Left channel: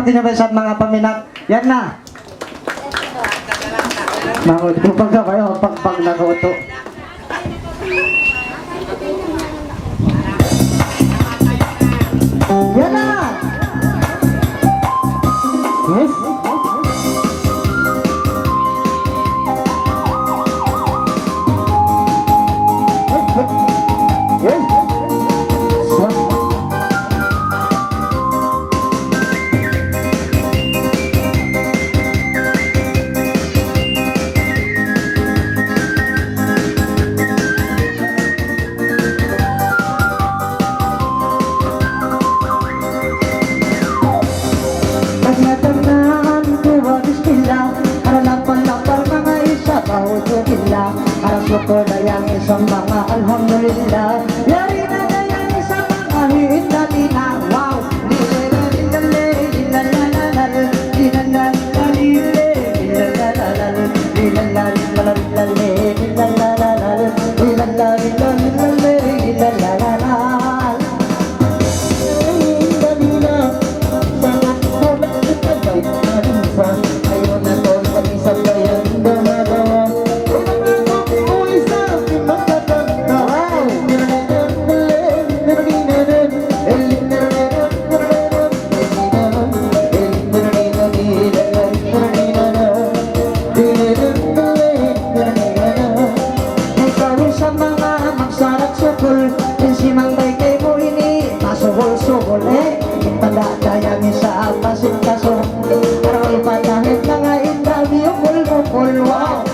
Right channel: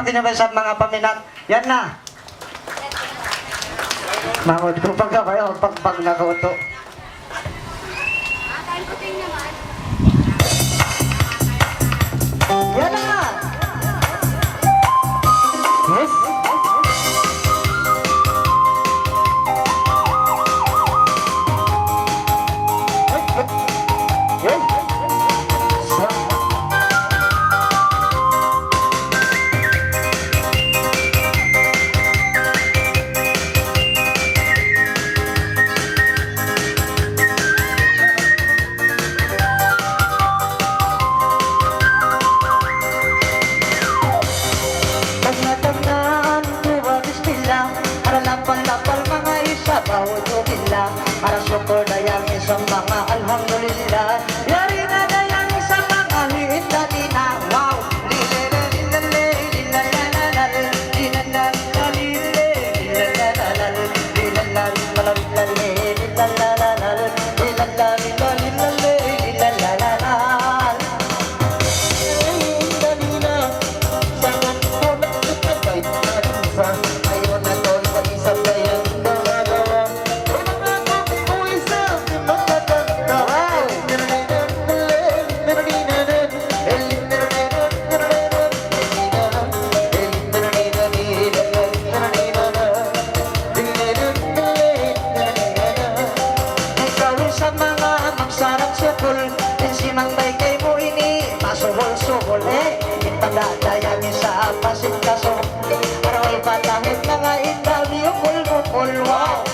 pakinabay sa mga paminat. Yan na. Mangod ko pagka kayo, pag nakauto. Yan na. Yes. Yes. Pagnatangan ko bagis nila, para lapang-lapang mga isa bawat nila, para syukur dayang isang mga alhamdulillah. Yari na dayang isang mga hiindalina. Wow! Suhol ipadadayang isa pasin kaso aral patahit mga indaw yung mulmukul. Wow!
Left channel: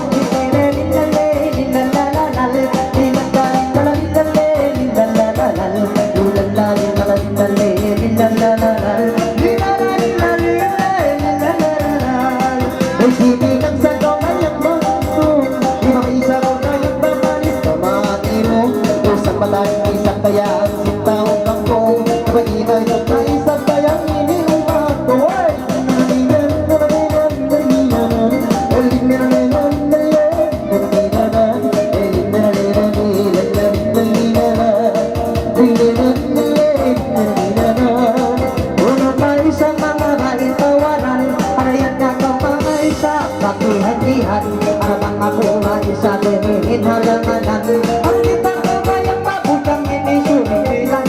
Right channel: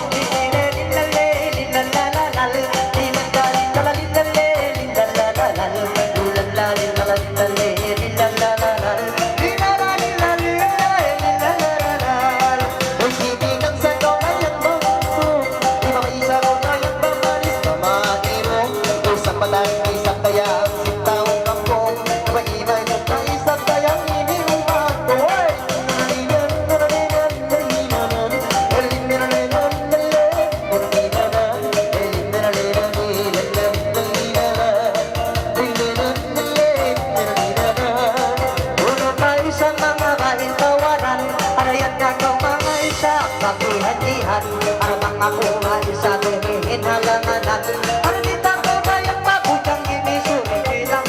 Hati-hatihan, arabang ako nga isa dinihin halanganan. Ang kita ko bayang mabukang ini sunilan.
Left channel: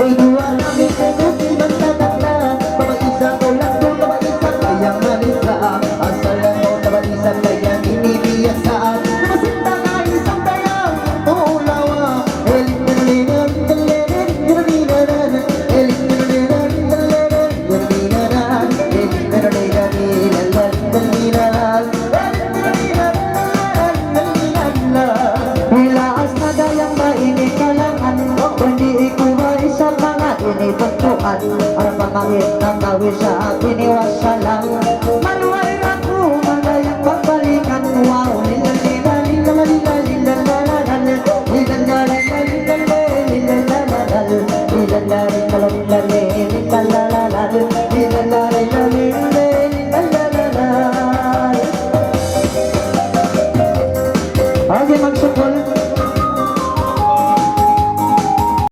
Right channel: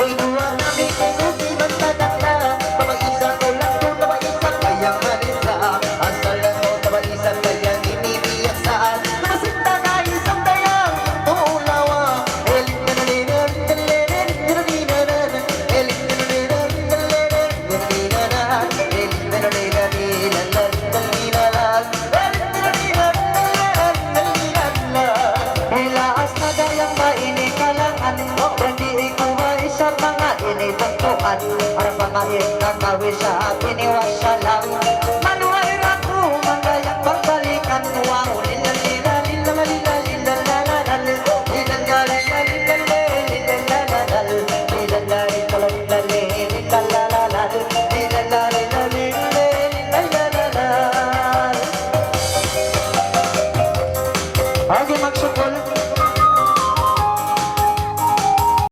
Ay dua namin kayo siman tatanda, isa ko lang doon isa kayang manisa. Asal lang mo isa kayang inibiyak saan. Ini bentukan para pangait na kawis sa akin iwasalang.